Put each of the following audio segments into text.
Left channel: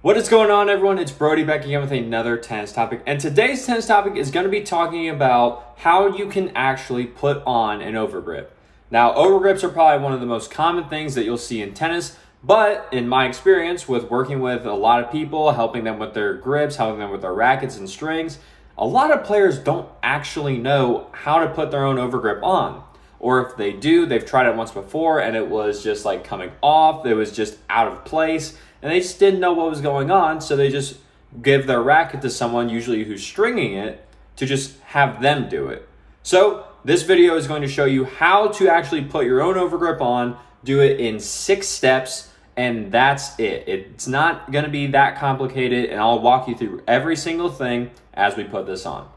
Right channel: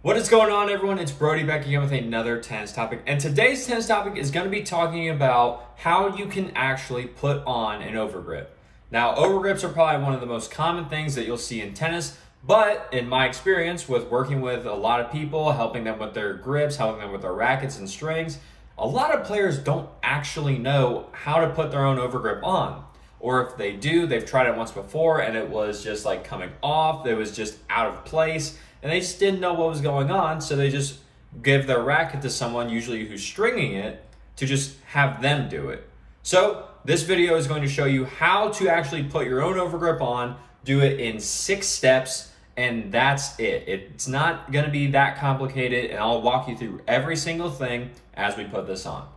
What is going on, everyone? It's Brody back again with another tennis topic, and today's tennis topic is going to be talking about how you can actually put on an overgrip. Now, overgrips are probably one of the most common things that you'll see in tennis, but in my experience with working with a lot of people, helping them with their grips, helping them with their rackets and strings, a lot of players don't actually know how to put their own overgrip on. Or if they do, they've tried it once before and it was just like coming off, it was just out of place, and they just didn't know what was going on, so they just give their racket to someone, usually who's stringing it, to just have them do it. So this video is going to show you how to actually put your own overgrip on, do it in 6 steps, and that's it. It's not going to be that complicated, and I'll walk you through every single thing as we put this on.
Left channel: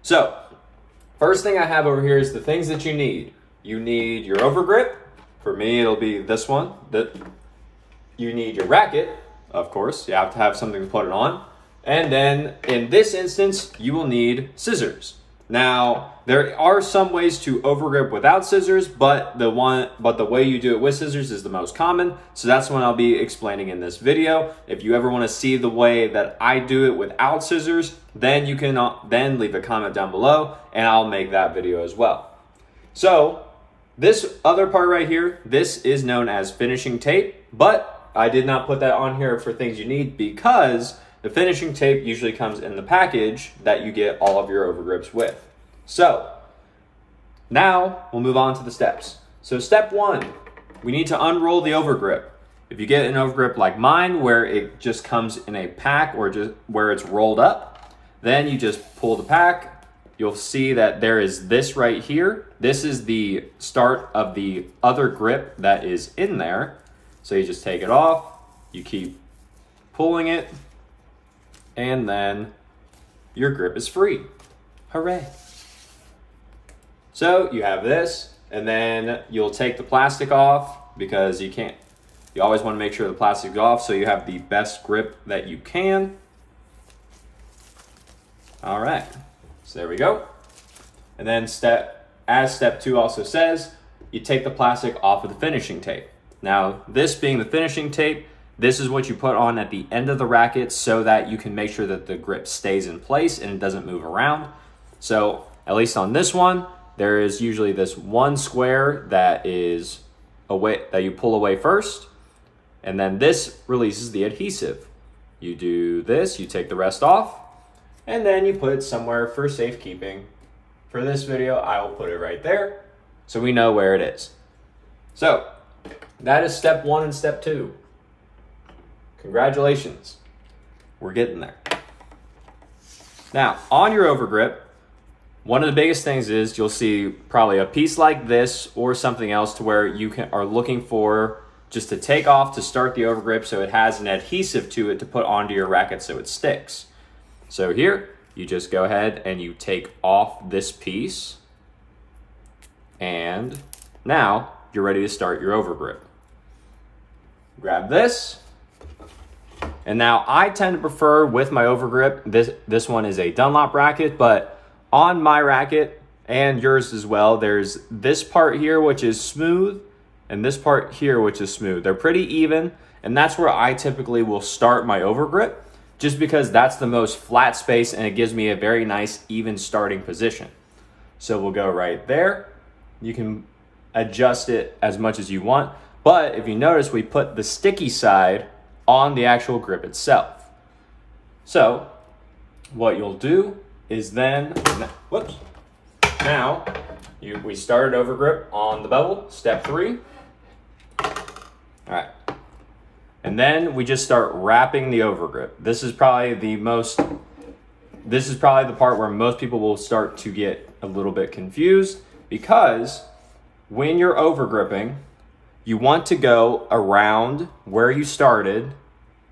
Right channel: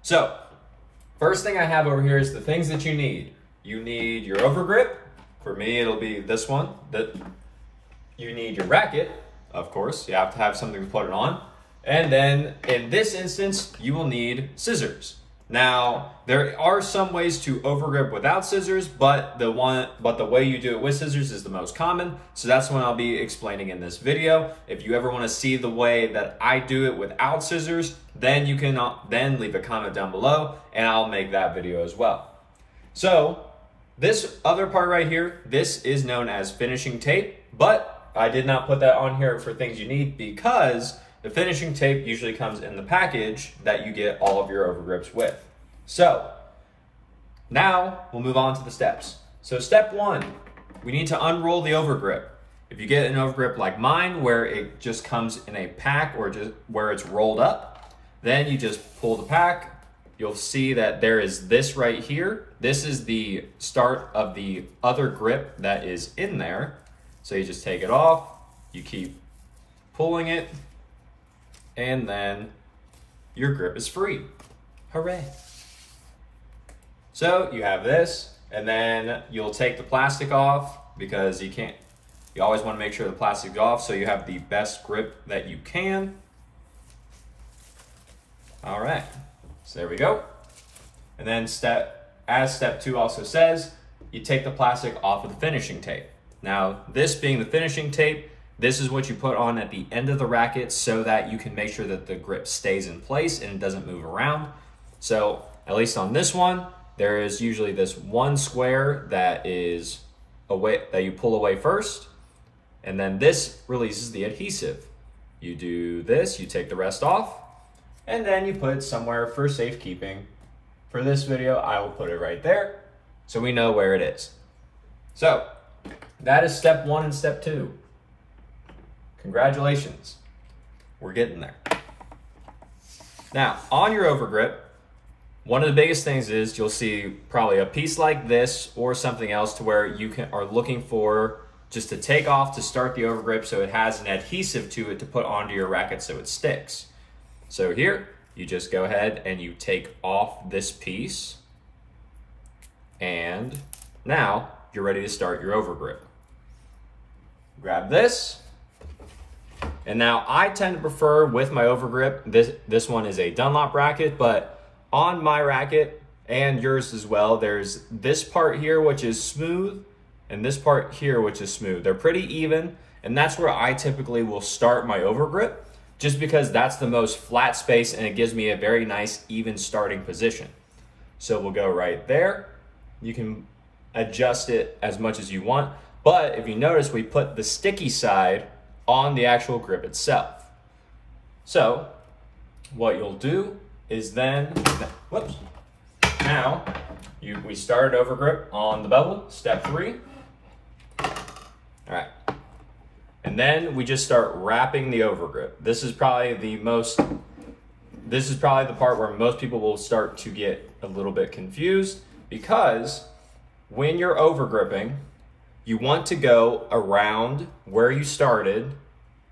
So first thing I have over here is the things that you need. You need your overgrip. For me, it'll be this one. You need your racket, of course. You have to have something to put it on. And then in this instance, you will need scissors. Now, there are some ways to overgrip without scissors, but the way you do it with scissors is the most common. So that's what I'll be explaining in this video. If you ever want to see the way that I do it without scissors, then you can then leave a comment down below and I'll make that video as well. So this other part right here, this is known as finishing tape, but I did not put that on here for things you need because the finishing tape usually comes in the package that you get all of your overgrips with. So now we'll move on to the steps. So step 1, we need to unroll the overgrip. If you get an overgrip like mine where it just comes in a pack or just where it's rolled up, then you just pull the pack. You'll see that there is this right here. This is the start of the other grip that is in there. So you just take it off, you keep pulling it, and then your grip is free. Hooray. So you have this, and then you'll take the plastic off because you always want to make sure the plastic's off so you have the best grip that you can. All right, so there we go. And then as step 2 also says, you take the plastic off of the finishing tape. Now, this being the finishing tape, this is what you put on at the end of the racket so that you can make sure that the grip stays in place and it doesn't move around. So at least on this one, there is usually this one square that is that you pull away first, and then this releases the adhesive. You do this, you take the rest off, and then you put it somewhere for safekeeping. For this video, I will put it right there so we know where it is. So that is step 1 and step 2. Congratulations, we're getting there. Now, on your overgrip, one of the biggest things is you'll see probably a piece like this or something else to where you are looking for just to take off to start the overgrip so it has an adhesive to it to put onto your racket so it sticks. So here, you just go ahead and you take off this piece, and now you're ready to start your overgrip. Grab this, and now I tend to prefer with my overgrip, this one is a Dunlop racket, but on my racket and yours as well, there's this part here which is smooth and this part here which is smooth. They're pretty even, and that's where I typically will start my overgrip just because that's the most flat space and it gives me a very nice even starting position. So we'll go right there. You can adjust it as much as you want. But if you notice, we put the sticky side on the actual grip itself. So what you'll do is then, whoops, now we started overgrip on the bevel, step 3. All right, and then we just start wrapping the overgrip. This is probably the part where most people will start to get a little bit confused, because when you're overgripping, you want to go around where you started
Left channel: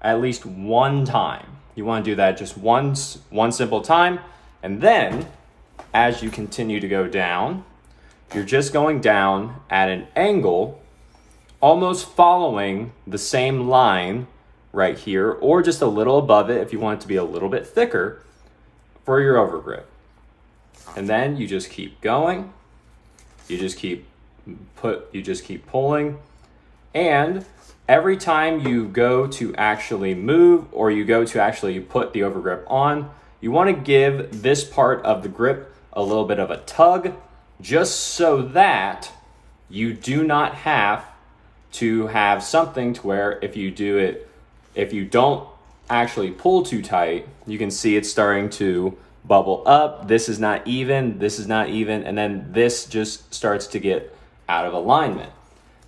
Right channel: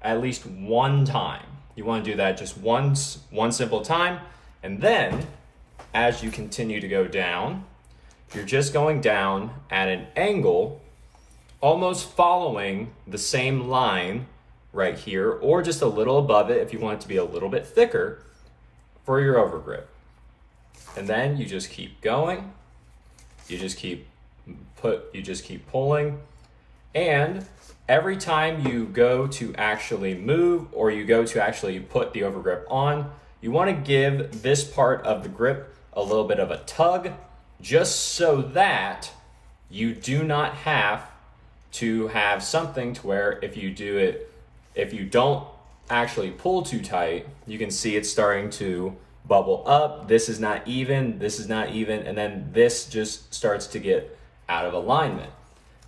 at least one time. You want to do that just one simple time. And then as you continue to go down, you're just going down at an angle, almost following the same line right here, or just a little above it if you want it to be a little bit thicker for your overgrip. And then you just keep going. You just keep pulling, And every time you go to actually move or you go to actually put the overgrip on, you want to give this part of the grip a little bit of a tug, just so that you do not have to have something to where if you don't actually pull too tight, you can see it's starting to bubble up. This is not even, and then this just starts to get out of alignment.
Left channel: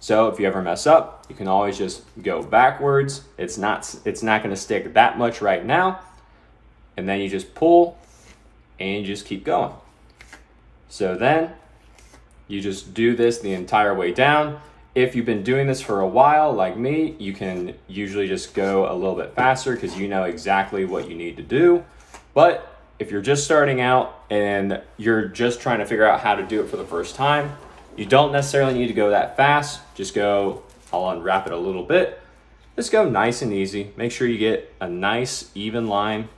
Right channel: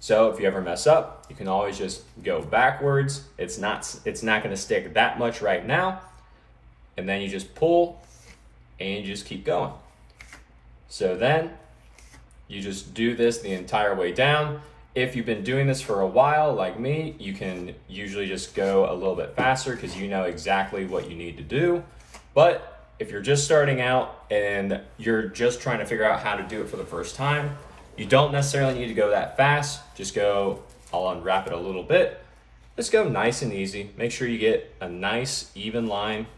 So if you ever mess up, you can always just go backwards. It's not going to stick that much right now. And then you just pull and you just keep going. So then you just do this the entire way down. If you've been doing this for a while, like me, you can usually just go a little bit faster because you know exactly what you need to do. But if you're just starting out and you're just trying to figure out how to do it for the first time, you don't necessarily need to go that fast. Just go, I'll unwrap it a little bit. Just go nice and easy. Make sure you get a nice even line.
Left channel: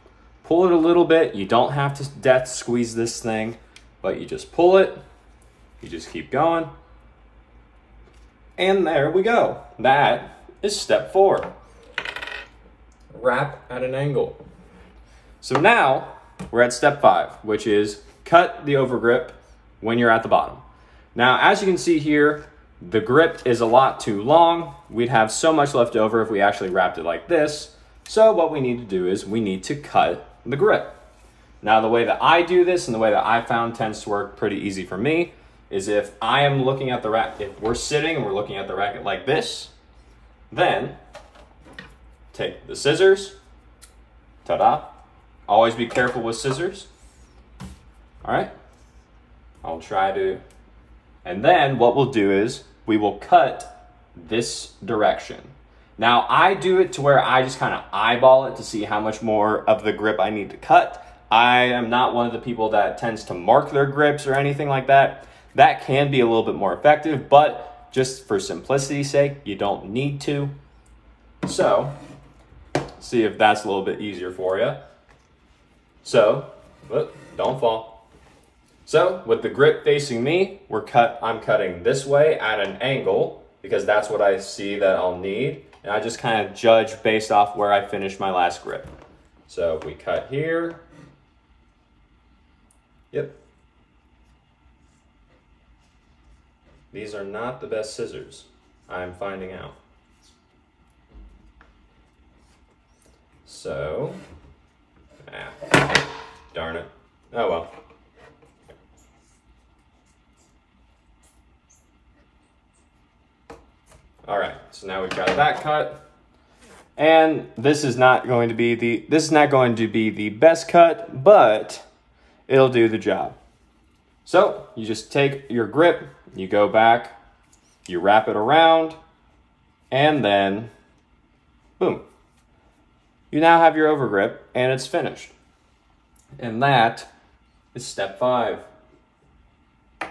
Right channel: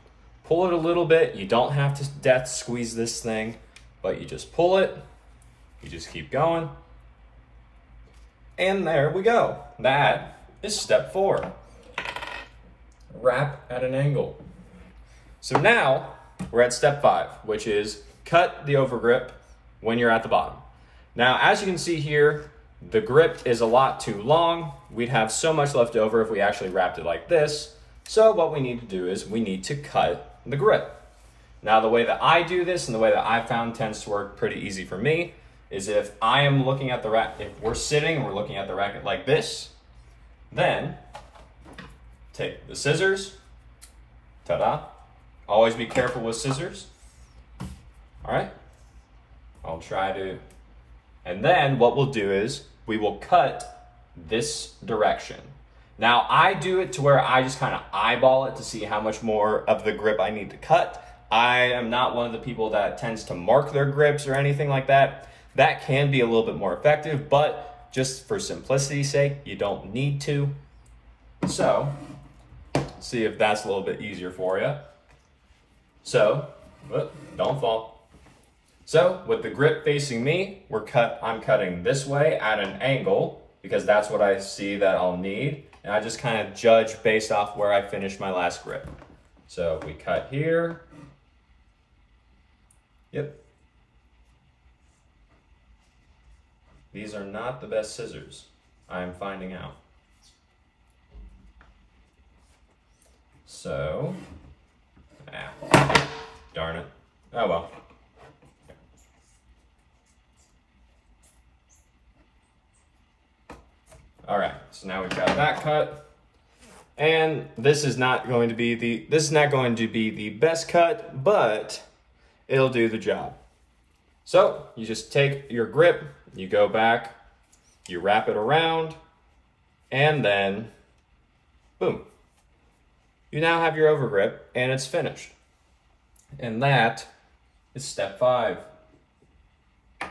Pull it a little bit. You don't have to death squeeze this thing, but you just pull it. You just keep going. And there we go. That is step 4. Wrap at an angle. So now we're at step 5, which is cut the overgrip when you're at the bottom. Now, as you can see here, the grip is a lot too long. We'd have so much left over if we actually wrapped it like this. So what we need to do is we need to cut the grip. Now, the way that I do this and the way that I found tends to work pretty easy for me is if I am looking at the racket, if we're sitting and we're looking at the racket like this, then take the scissors, ta-da. Always be careful with scissors. All right, I'll try to, and then what we'll do is we will cut this direction. Now I do it to where I just kind of eyeball it to see how much more of the grip I need to cut. I am not one of the people that tends to mark their grips or anything like that. That can be a little bit more effective, but just for simplicity's sake, you don't need to. So, see if that's a little bit easier for you. So, don't fall. So, with the grip facing me, I'm cutting this way at an angle because that's what I see that I'll need. And I just kind of judge based off where I finished my last grip. So, we cut here. Yep. These are not the best scissors, I'm finding out. So, darn it. Oh well. All right, so now we've got that cut. And this is not going to be the best cut, but it'll do the job. So you just take your grip, you go back, you wrap it around, and then boom. You now have your overgrip and it's finished. And that is step 5. And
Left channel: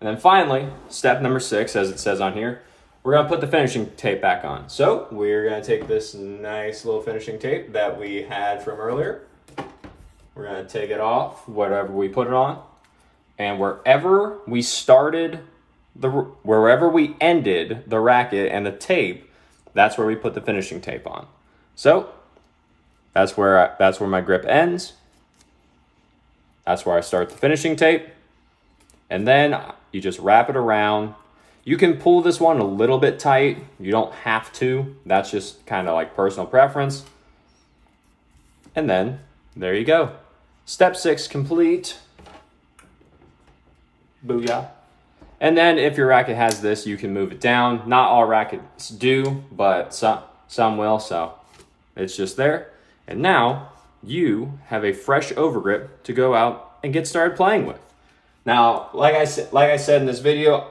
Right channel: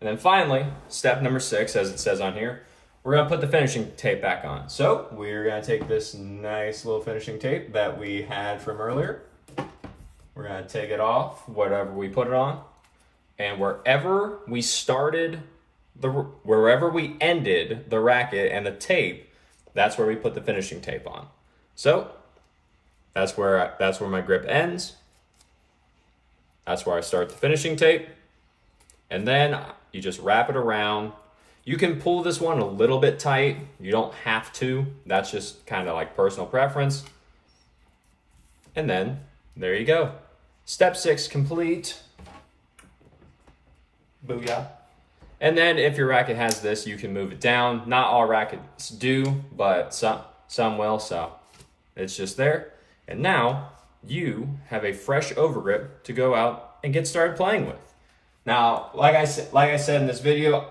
then finally, step number 6, as it says on here, we're gonna put the finishing tape back on. So we're gonna take this nice little finishing tape that we had from earlier. We're gonna take it off, whatever we put it on. And wherever we ended the racket and the tape, that's where we put the finishing tape on. So that's where my grip ends. That's where I start the finishing tape. And then you just wrap it around. You can pull this one a little bit tight. You don't have to. That's just kind of like personal preference. And then there you go. Step 6 complete. Booyah. And then if your racket has this, you can move it down. Not all rackets do, but some will, so it's just there. And now you have a fresh overgrip to go out and get started playing with. Now, like I said in this video,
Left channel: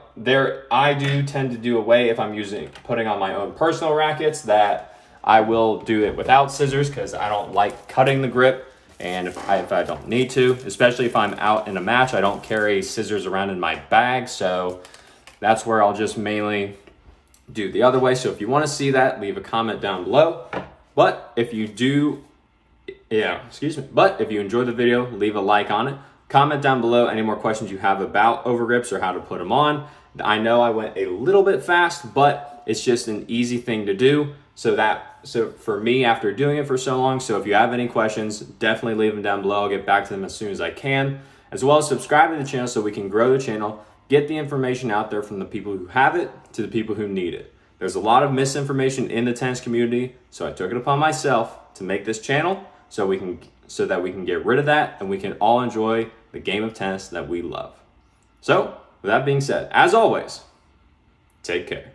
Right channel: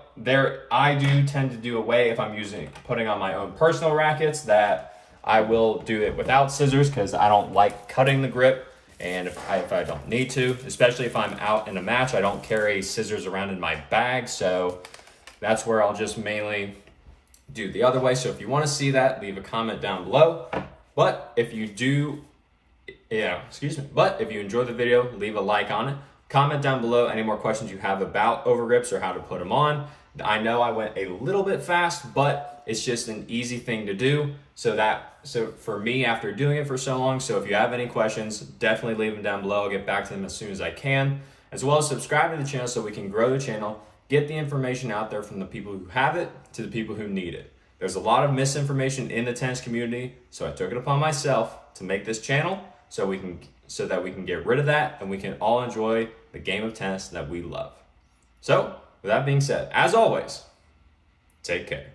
I do tend to do away if I'm putting on my own personal rackets, that I will do it without scissors because I don't like cutting the grip. And if I don't need to, especially if I'm out in a match, I don't carry scissors around in my bag. So that's where I'll just mainly do the other way. So if you want to see that, leave a comment down below. But if you enjoyed the video, leave a like on it. Comment down below any more questions you have about overgrips or how to put them on. I know I went a little bit fast, but it's just an easy thing to do. So for me, after doing it for so long, so if you have any questions, definitely leave them down below. I'll get back to them as soon as I can, as well as subscribe to the channel so we can grow the channel, get the information out there from the people who have it to the people who need it. There's a lot of misinformation in the tennis community, so I took it upon myself to make this channel so that we can get rid of that and we can all enjoy the game of tennis that we love. So, with that being said, as always, take care.